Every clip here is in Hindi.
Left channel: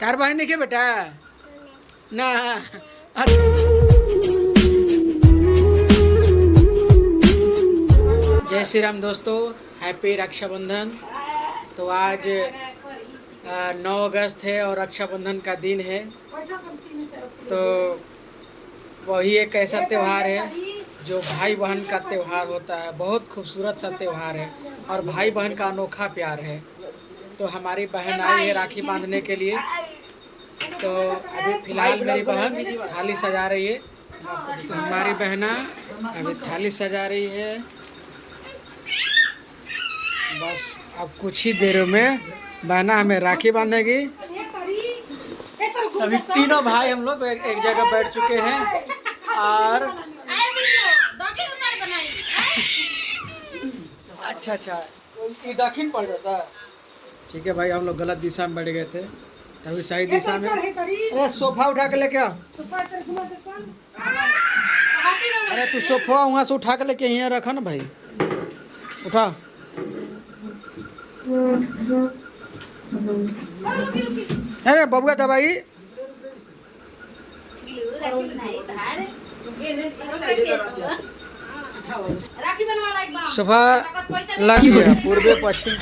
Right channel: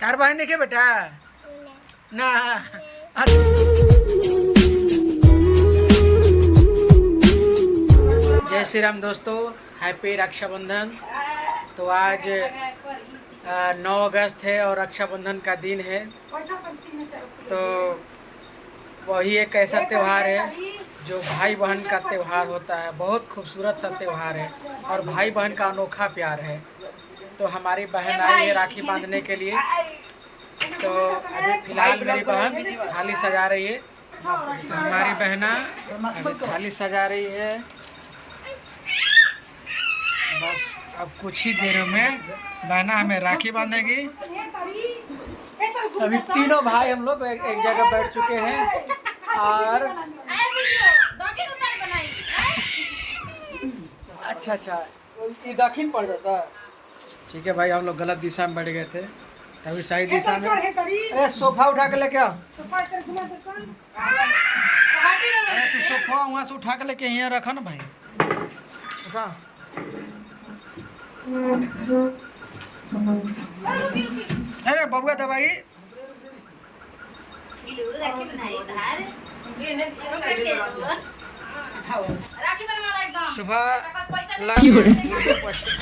तार बहन नहीं के बेटा ना। जय श्री राम दोस्तों, हैप्पी रक्षाबंधन। तो आज 9 अगस्त है और रक्षाबंधन का दिन है। तो वही एक ऐसा त्यौहार है जो भाई बहन का त्यौहार होता है। बहुत खूबसूरत सा त्यौहार है और भाई बहन का अनोखा प्यार है। तो हमारी बहन आई है राखी बांधने के लिए। तो अभी फिलहाल मेरी बहन थाली सजा रही है। हमारी बहना अभी थाली सजा रही है। बस अब कुछ ही देर में बहना हमें राखी बांधेगी। अभी तीनों भाई हम लोग एक जगह बैठ चुके हैं और अच्छा ये दक्षिण पड़ जाता है। ठीक है भाई, हम लोग गलत दिशा में बैठ गए थे, तभी सही दिशा में। अरे सोफा उठा के लेके आओ। अरे तू सोफा वहाँ से उठा के लेके यहाँ रखा ना भाई, उठा। अरे बबुआ दवाई सोफा पूर्व पश्चिम।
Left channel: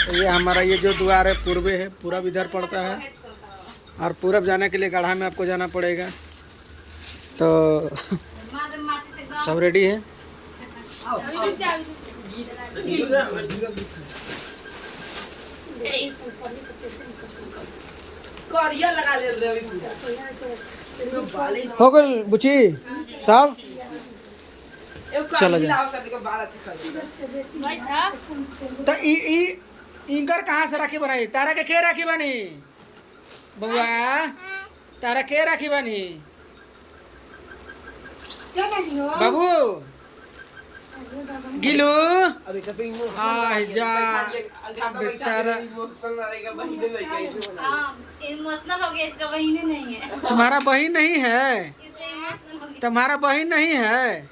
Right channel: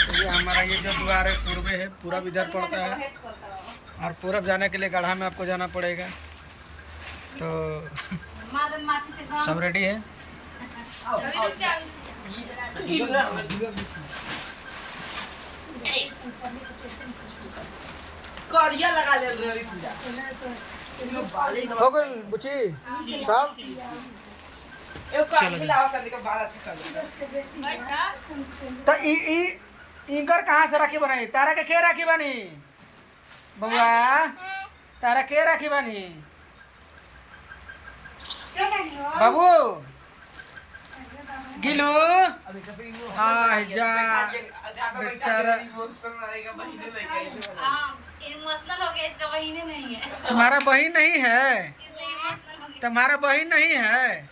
तो ये हमारा ये जो द्वार है पूर्व है, पूरब इधर पड़ता है और पूरब जाने के लिए गढ़ा में आपको जाना पड़ेगा। तो सब रेडी है। हो गई बुची साहब, चलो तो इनकर कहाँ से राखी बनाई? तारा के राखी बनी बउआ? तारा के राखी बनी बाबू? गिलू हाँ जा बेचारा इमोशनल हो गया, इसका बहिन नहीं है। तुम्हारा बहन नहीं है? तुम्हारा बहन नहीं है?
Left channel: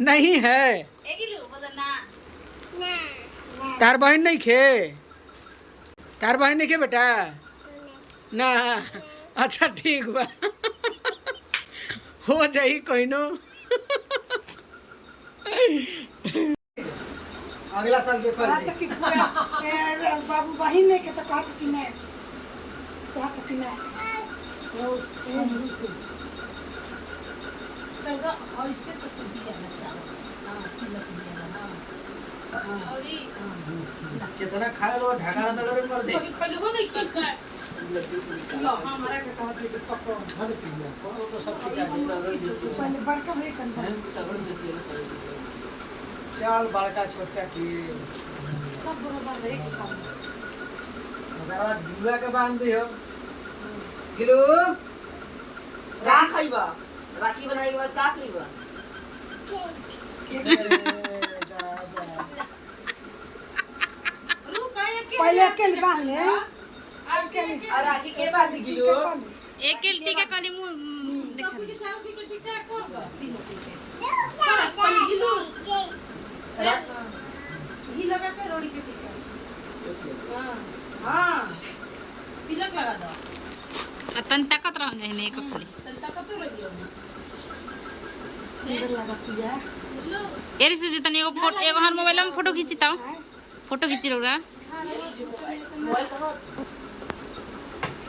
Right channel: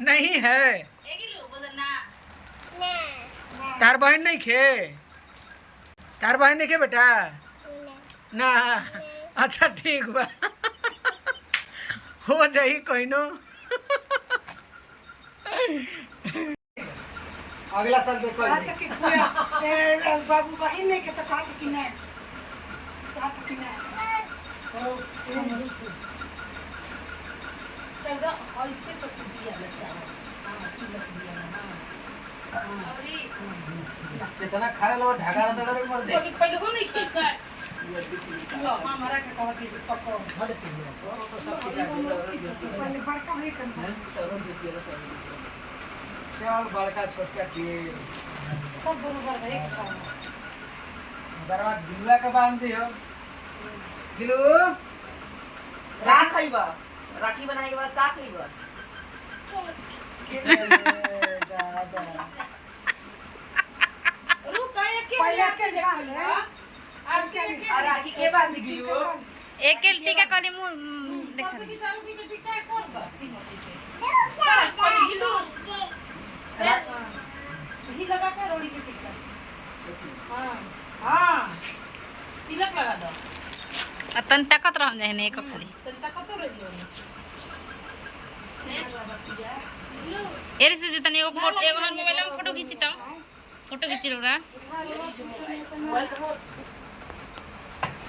नहीं है। तार बहन नहीं खे? तार बहन नहीं खे बेटा ना? अच्छा ठीक बा। हो जाई कोई नो। अगला साल देखो बाबू बहिन नहीं के तो कहा कि नहीं, कहा कि नहीं चल और इससे तो कुछ दिया ना चावल। हां तिलक दिया ना। हां और ये कितना खाना लो ढाका रहा था पर दे पहले वो नहीं कर लो हमारा के कहा कि पकड़ भर के दिया तो सब कुछ पहले बड़का नहीं करना चाल बड़का छोटा की सब बराबर एक साथ। अगर दिलवा के बांध दी हो गिलू राख खइबा, राखी बनाए के बाद का खइबा? पहले के बांध ले अब के राखी के बांध गियो? एक के टीका कली मुंह देखा सब के चारों की टिका कर दो तीनों टिका पहले गिलू ही लगा के रोटी की टिका। हां तिलक लगा दो। तन ताकत रह जाए ने एक खाली संता कत रहियो से लगा दिया लो एरी से तनी एगो फोटो, एगो हन मोबाइल में फोटो खींचता, फोटो खींच रहा। मोबाइल कहां?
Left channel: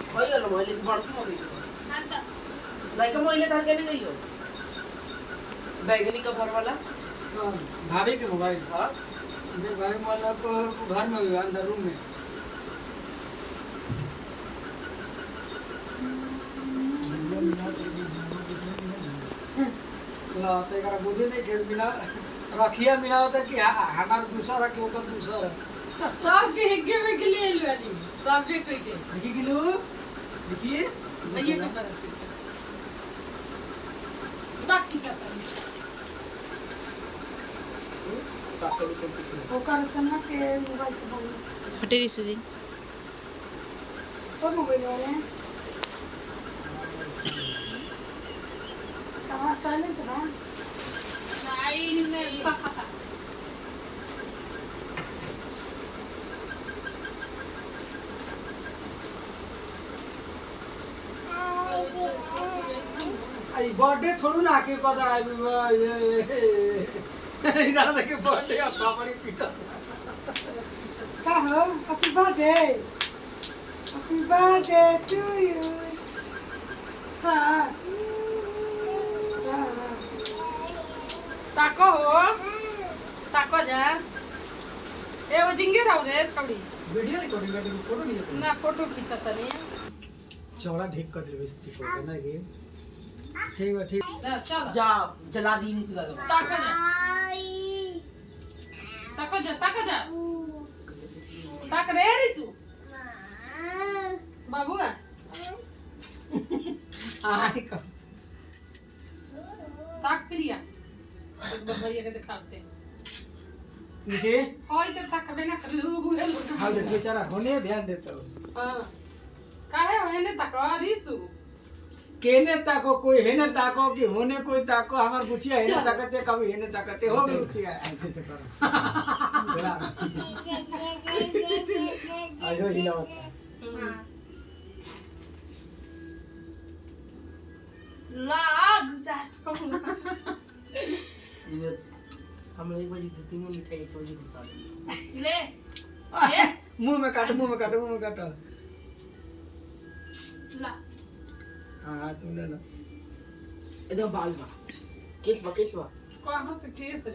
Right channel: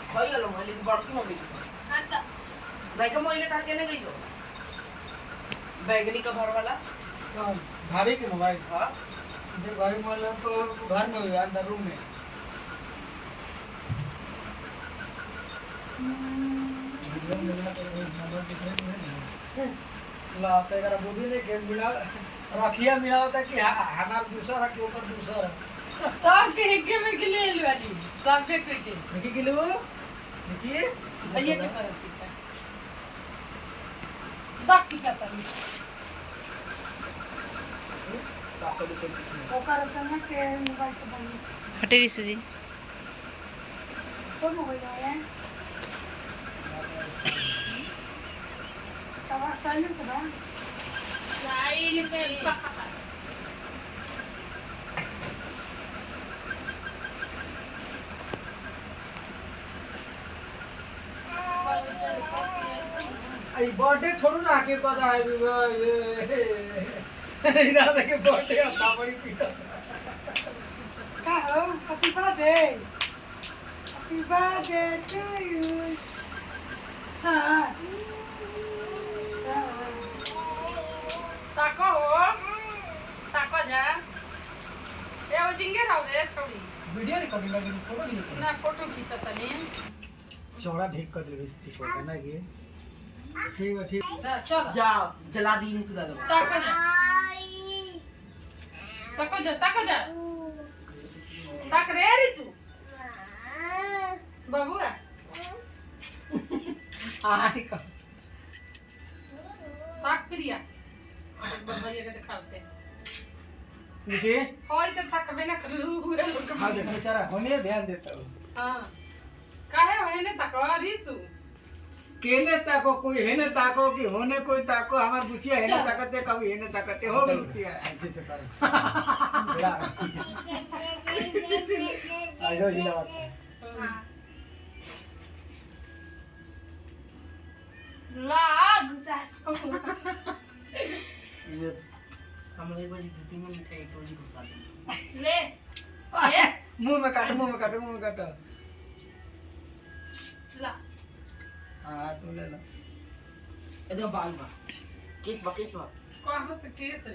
मोबाइल लो, मोबाइल बड़की मोबाइल नहीं का मोबाइल तार के नहीं गइयो? बैगनी कवर वाला भाभी के मोबाइल? हां देख भाभी मोबाइल आपको घर में होगा, अंदर रूम में। ला ते करा बुद्धि नहीं के मिला रखिया मिला होता कि हमार दूसरा रख के ऊपर दूसरा रख सब के हिग्गे में के ले लवानी सब के कोई के देखिए गिलू देखिए ये के तरह टिका बाकी चाहता नहीं ओकर सुनो के मोबाइल से बोलो हटेरी से जी तो मोबाइल है अब साइलेंट है साइलेंट आई बर्थडे छोड़ू ना के कदा आई ये इधर देखे बर्थडे अपना बड़ी पीटा का हो हैप्पी बर्थडे टू यू हां ताको हो ताको जा ए ओ जिंगे रहो रे छोड़ी वीडियो रिकॉर्डिंग करके फोटो नहीं लेते ना फोटो खींचता नहीं चौड़ा ठीक कर देबे ठीक होता ना ये ठीक है ठीक चल जा जला दी इनको दादा ताको जा ताक रे रिसु बाबूआ आई का ताक प्रिया भैया के दिखाते मुझे होय तो ताक बिना कर लू हां देख बेचारा होने ध्यान देता हूं हां काहे होय ने ताको रिसु केने ताको कोई है ना ताको कि होने कोई ताको हमार बुचिया है ना ताकते कभी है ना ताकते हो गई बुचिया ऐसे तो कर आइडो हिलावत हम लोग एक बजे धुती में मिठाई एक बजे घुसा देंगे मुंह में काटो हाँ तुम ले लो एकदम बाल बा केस बा कहां से केस रे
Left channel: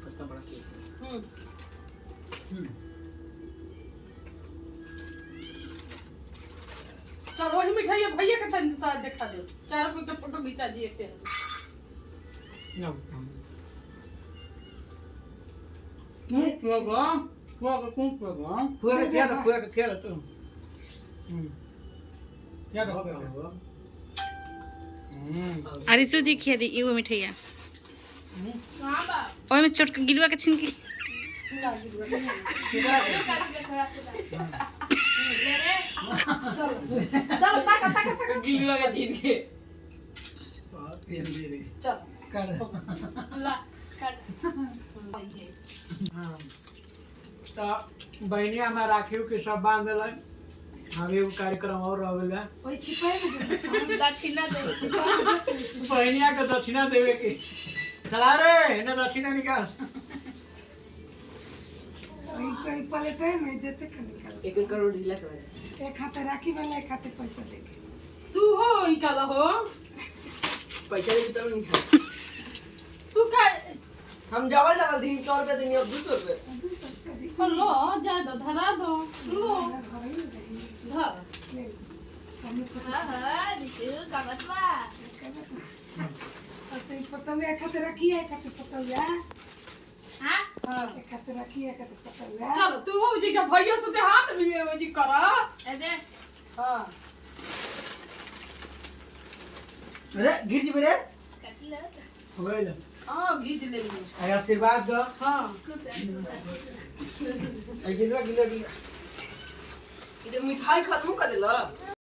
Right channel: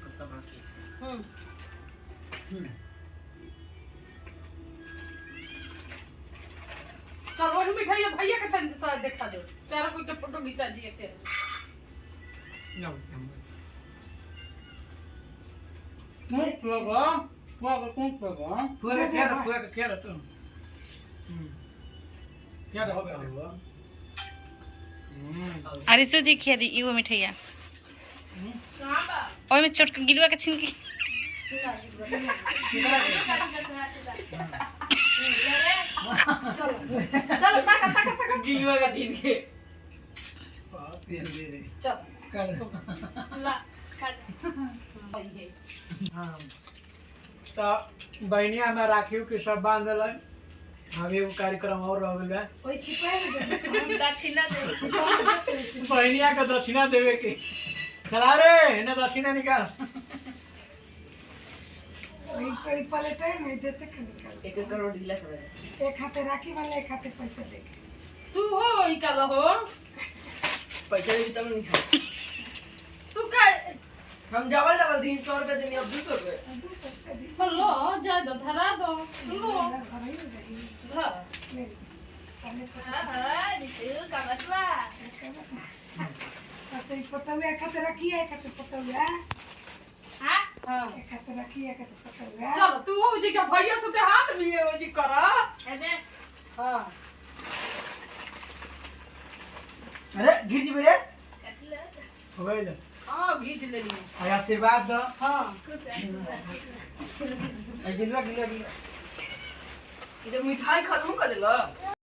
कितना बड़ा केस है चल वही मिठाई भैया के तन साथ दिखा दे चार कोई के फोटो खींचा दिए थे फुआ के क्या तुम क्या हो गया हुआ अरिसु जी खिया दी एगो मिठाइया ओय में चोट के गिलवा के छीन के चल ताका गिलवा का छीन के चल कर ला हाँ तो बहनिया में राखियो के सब बांधल हम एगो कार्यक्रम और रह गया ओइ छिपाई दक्षिणा दे बहनिया के दक्षिणा देवे के चला रे ना दक्षिणा निकाल कोई पले चाहिए नहीं देते निकाल 1 करोड़ दिला छोड़ा एक हाथे राखी वाला एक हाथे पैसा लेके तू हो ई काला हो पैसा भी तब नहीं था तू का हम डबल दिन 100 रुपए देनी अब 200 रुपए लो जा दो धरा दो लो धर पतंगा एक हाथे रखी है एक हाथे पतंगा हां एक हाथे रखी है एक हाथे पतंगा चल तू हो जी का भैया से हाथ भी हो जी करा ऐसे हां अरे गिर जी मेरे हो गई हां घीच ले लियो अरे आशीर्वाद दो हां गिलवा इधर मिठाई खत्म कर देला